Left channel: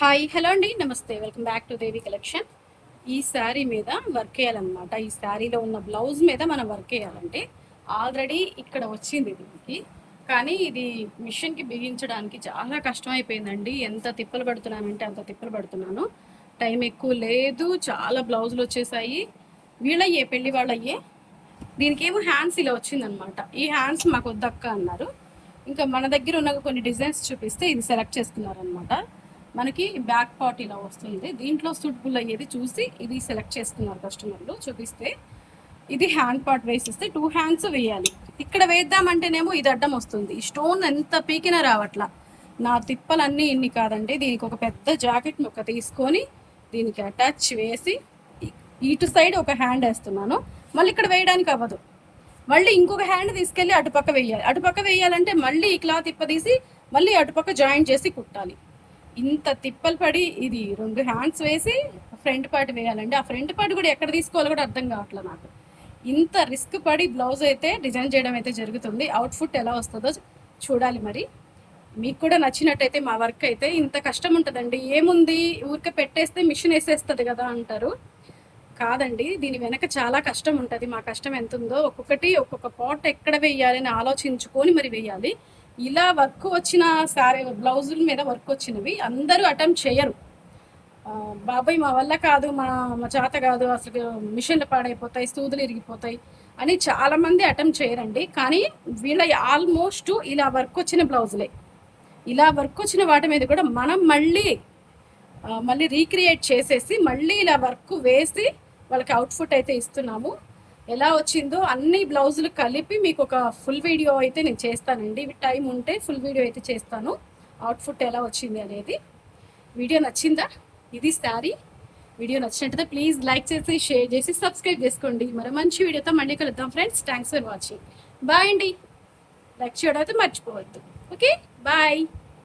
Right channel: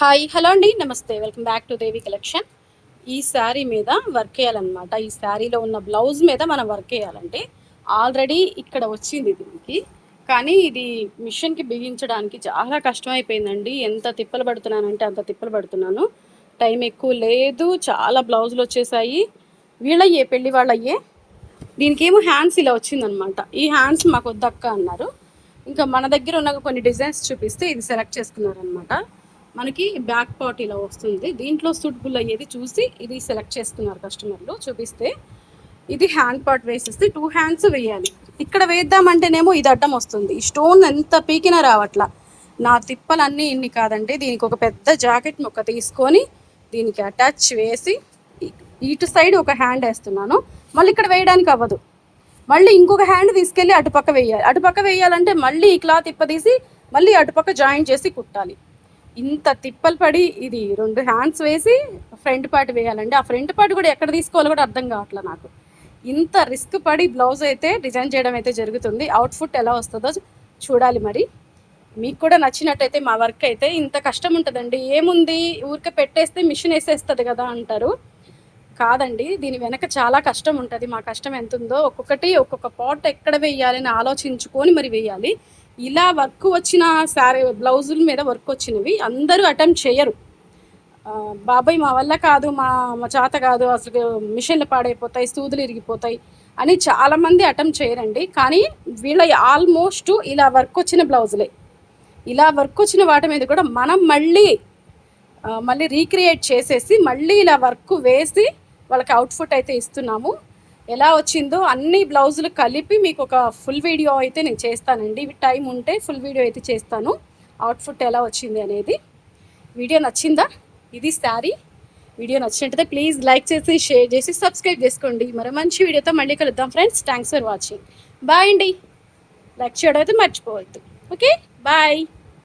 Hi hello అండి నమస్తే welcome back to Devi collection. ఈ శారీ మీద వర్క్ వేయాలన్నమాట. ఈ శారీలో ఉన్న బ్లౌజ్ మీద మనం వర్క్ వేయాలంటే ఆల్రెడీ ఇక్కడ వచ్చింది దీనికి, కానీ ఇది మిషన్కి బిగించడానికి చాలా కష్టం అయిపోయిందండి. ఎంత తిప్పలు పడుతున్నానంటే అంత తిప్పలు పడుతున్నాను. టైం ఎక్కువ లేదు, చాలా బ్లౌజులు వచ్చేసాయి. వీళ్ళయ్యే పెళ్లి వాళ్ళయ్యే. దీనికి ఏమో హ్యాండ్స్ ఇలా వచ్చిందనమాట. ఈ హ్యాండ్స్ మాకు వద్దక్క అన్నారు. ఇంకా మన దగ్గర ఉన్న కొన్ని డిజైన్స్ చూపిస్తే ఇది సెలెక్ట్ చేసుకున్నారనమాట. మనకి బ్యాక్ పార్ట్ ఇలా వస్తుంది. దీంట్లో సూటబుల్ అయ్యేది చూసి ఇది సెలెక్ట్ చేసుకున్నారు కస్టమర్లు. చూపిస్తే ఇది హ్యాండ్ పార్ట్ వేసేస్తే 2 హ్యాండ్స్ వేయాలి. ఇక్కడ వేద్దామంటేనేమో ఇది అడ్డం వస్తుంది. ఈ స్టోన్ ఎంత పీకినా రావట్లా. నా తిప్పలన్నీ ఇన్ని కాదండి. దీనికి ఒక పెద్ద జాకెట్ మొక్క తీసుకొని దీనికి అటాచ్ వేసి ఇటు సైడ్ ఒక హ్యాండ్ వేస్తున్నాను. మళ్ళీ ఇక్కడ వేయడానికి అవ్వదు. మళ్ళీ ఇంకొక హ్యాండ్ తీసుకెళ్ళి అటుపక్క వేయాలి. అటుపక్క వేయాలంటే మళ్ళీ ఈ క్లాత్ ఇప్పదీసి మళ్ళీ అటుపక్క జాయింట్ చేసి కుట్టాలి. ఇంత తిప్పలు పడి ఇది 2 హ్యాండ్స్ వేసి ఫ్రంట్ పార్ట్ వేయాలండి. ఆ ఫ్రంట్ పార్ట్ కూడా ఎక్కడ తీసుకోవాలో కూడా అర్థం కావట్లేదు నాకు. ఇంత రిస్క్ పడి బ్లౌజ్ అయితే డిజైన్ చేయడం అయితే జరుగుతుంది. అవుట్ఫుట్ ఎలా వస్తుందో చూడాలి. మరి మీకు కూడా నచ్చినట్టయితే మా వర్క్ అయితే ఇంత కష్టం ఉంటుందండి. ఏముంది ఊరికే పెట్టేస్తే మిషన్ వేసేస్తుంది కదా అంటారు. కాదండి, దీని వెనక చాలా కష్టం ఉంటుంది. మా కష్టం ఎంత ఉందో ఒక్కొక్క పాట్ ఎక్కడ వేయాలని ఆలోచించుకొని మరి వేయాలి. ఇలా వర్క్ వచ్చిన సారీ బ్లౌజుల మీద వర్క్ వచ్చినవి అందరూ అటెంప్ట్ చేయరు. బాబాయ్ మా వల్ల కాదు, మా చేత కాదు, అసలు మిషన్లు పాడైపోతాయి, సూదులు ఇరిగిపోతాయి అని చాలామంది అటెంప్ట్ చేయరండి. కానీ వీళ్ళ ఆల్మోస్ట్ ఇలా వర్క్ వచ్చిన బ్లౌజులే. ఇలా వర్క్ వచ్చిన వాటి మీద కూడా మనం మళ్ళీ రీక్రియేట్ చేసేసి మళ్ళీ ఇలా వర్క్ వేసి వాళ్ళకి అవుట్ఫుట్ అయితే ఇస్తున్నాము. ఎలా వచ్చిందో అన్ని బ్లౌజులు కలిపి మీకు ఒక ఫుల్ వీడియో అయితే నేను చేస్తానండి. టైం ఉంటే ఫుల్ వీడియో అయితే చేస్తాను, అవుట్ఫుట్ ఎలా వచ్చింది అనేది. వీడియో నచ్చిందా? ఇది శారీ. వీడియో నచ్చినట్టయితే ప్లీజ్ లైక్ చేసి షేర్ చేసి సబ్స్క్రైబ్ చేసుకోండి. మరి మంచి వీడియోతో మళ్ళీ కలుద్దాం friends. Thanks for watching. Bye అండి. లైక్ చేయడం అయితే మర్చిపోవద్దు. Okay, bye.